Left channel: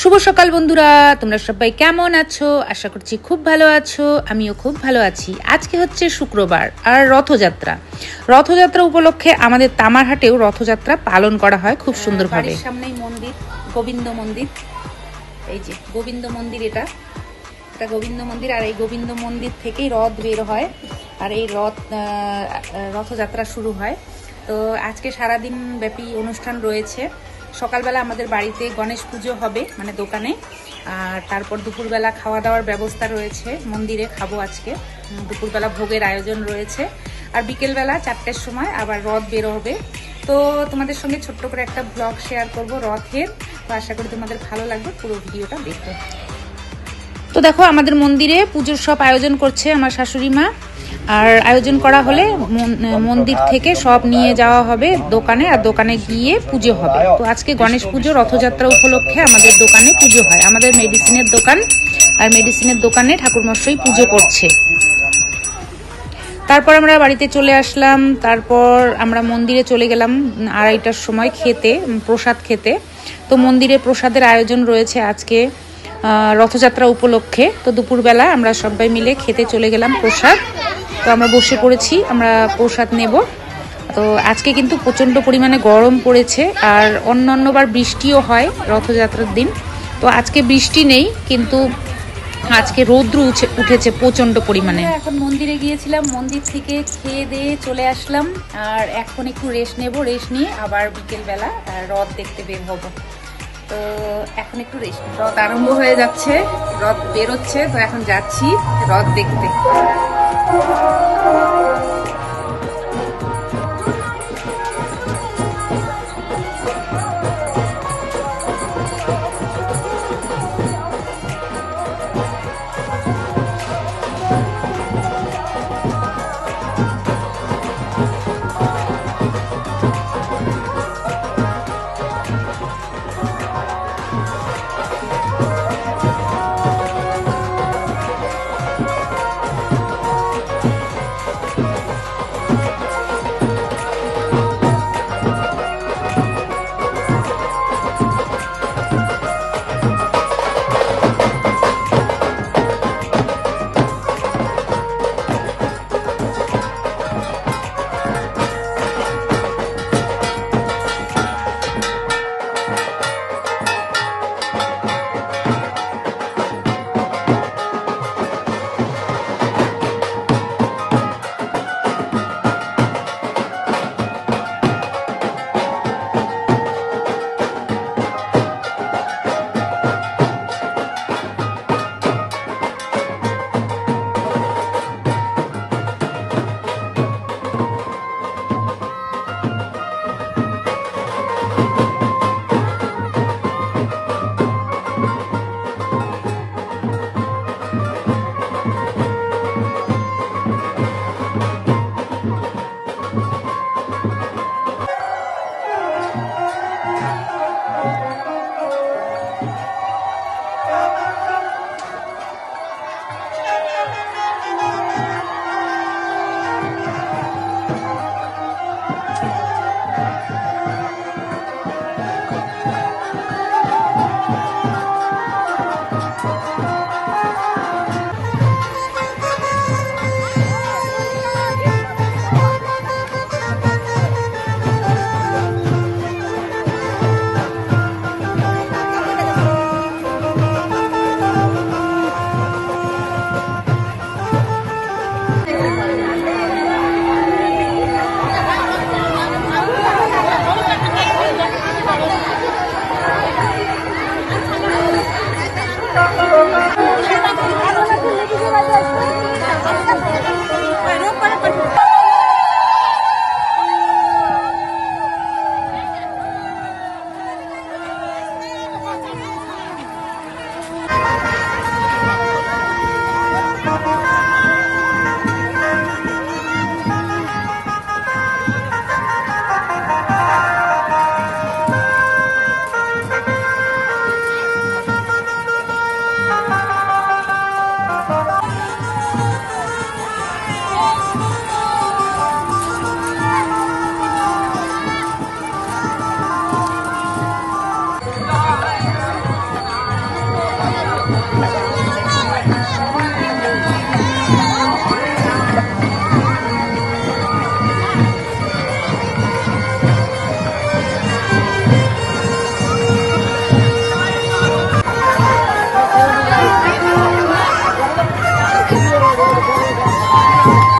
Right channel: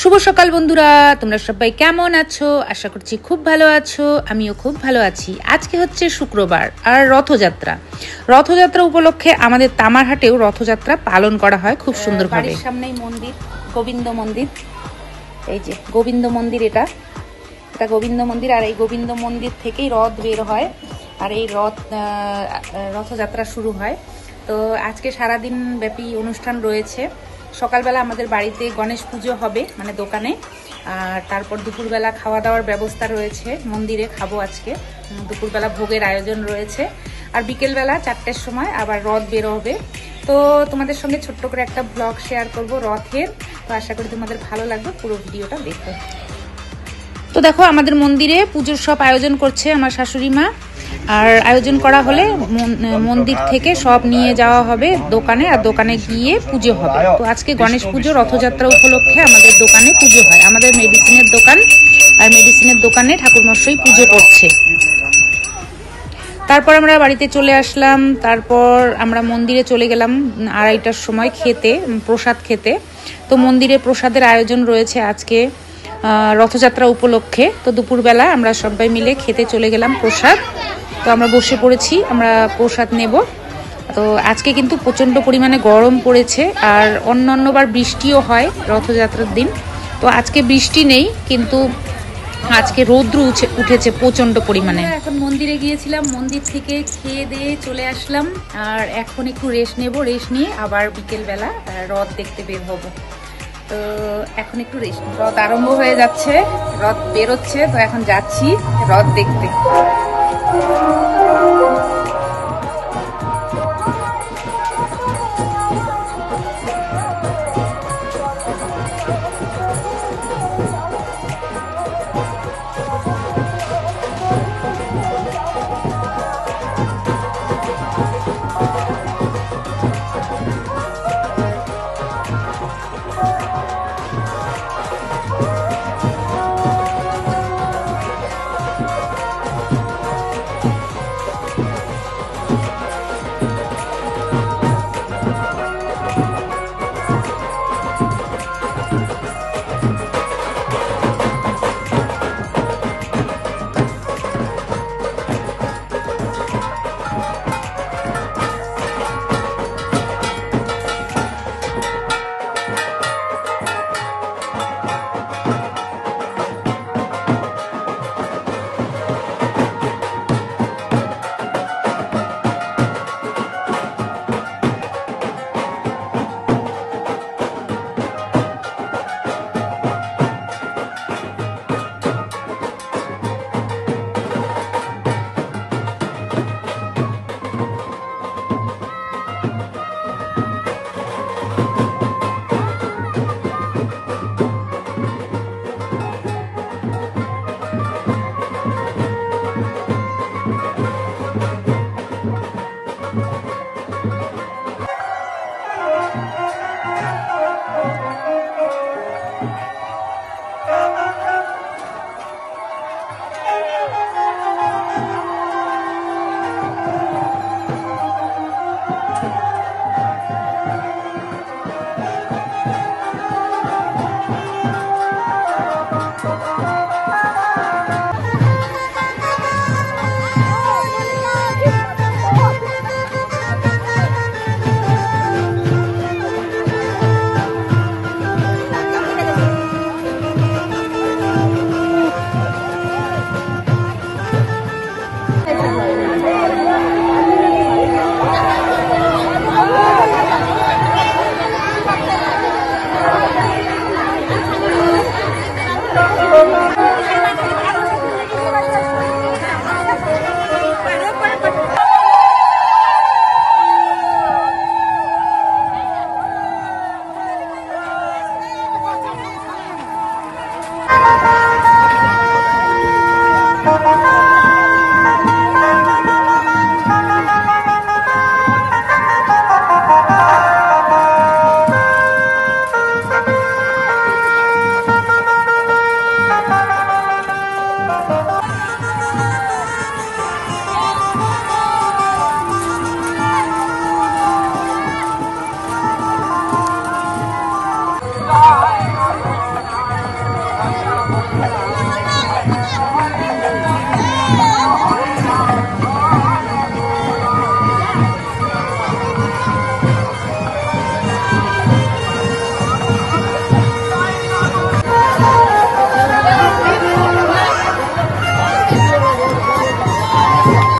শুভ সকাল বন্ধুরা, তোমরা সবাই কেমন আছো? আশা করছি খুব ভালো আছো। আমিও খুব ভালো আছি। আজকে হচ্ছে শুক্রবার আর রথযাত্রা। রথযাত্রা উপলক্ষে আমাদের তামারহাটেও রথযাত্রা পালন করা হয় খুব সুন্দরভাবে। বাড়ির সামনেই মন্দির, গোবিন্দ মন্দির। এই যে গোবিন্দ মন্দির, এটা গোবিন্দ মন্দির। আর এই গোবিন্দ মন্দির থেকেই রথ বের হয় আর এই রথযাত্রা শুরু হয়। তো আজকে সারাদিন ব্যাপী অনুষ্ঠান রয়েছে। সকালবেলা আমাদের বাড়িতে গণেশ পুজো হবে, মানে দোকানে। আর তারপর দুপুরবেলা খাওয়া দাওয়ার ব্যবস্থা রয়েছে, মন্দিরে খাবো আজকে। দুপুরবেলা ভোগের আয়োজন রয়েছে। আর বিকেলবেলা 4টের সময় আবার রথ বের হবে। তো তোমাদের সঙ্গে ছোট্ট করে একটা ব্লগ শেয়ার করব রথের। তো আশা করি তোমাদের ভালো লাগবে, পুরো ভিডিওটা দেখো। তো দেখো, আমাদের মন্দিরে পুজোর সব আয়োজন করছে আমার শাশুড়ি মা। আর আয়োজন করা হলে মন্দির থেকে সব নিয়ে যাওয়া হবে দোকানে, আর দোকানে গিয়ে পুজো হবে। তো আজকে গণেশ পুজো, রথযাত্রা উপলক্ষে আমাদের দোকানে পুজো হয়। আমাদের মেডিসিনের দোকান, আর মেডিসিনের দোকানে ঠাকুরমশাই পুজো করছে। তারপর আমরা বাড়িতে চলে আসলাম। তারপর আমরা মন্দিরে চলে গেলাম 2:30টার সময় খেতে, প্রসাদ খেতে। তো মন্দিরে প্রসাদের আয়োজন রয়েছে আজকে রথযাত্রা উপলক্ষে। তো দুপুরবেলা আমরা সবাই মিলে খেতে চলে গেলাম প্রসাদ। তো আমরা বসে পড়েছি, আমরা প্রসাদ নেব। তো আজকে কিন্তু প্রচণ্ড পরিমাণে গরম পড়েছে, আর অন্যান্যবার বৃষ্টিও হয় রথযাত্রার দিন। তো আজকে বৃষ্টি নেই, কিন্তু আজকে রৌদ্র উঠেছে প্রচণ্ড পরিমাণে। এখন মন্দিরে গিয়েছিলাম, মন্দির থেকে খেয়ে দিয়ে চলে আসলাম। আর এখন একটু রেস্ট নেব, রেস্ট নিয়ে আবার বিকেলবেলা রথ দেখতে বের হবো। তো এখন একটু রেস্ট। রথ আরম্ভ হয়ে যাচ্ছে, রথ বেরোচ্ছে। তো এখন যাচ্ছি রথ দেখতে। Thank you.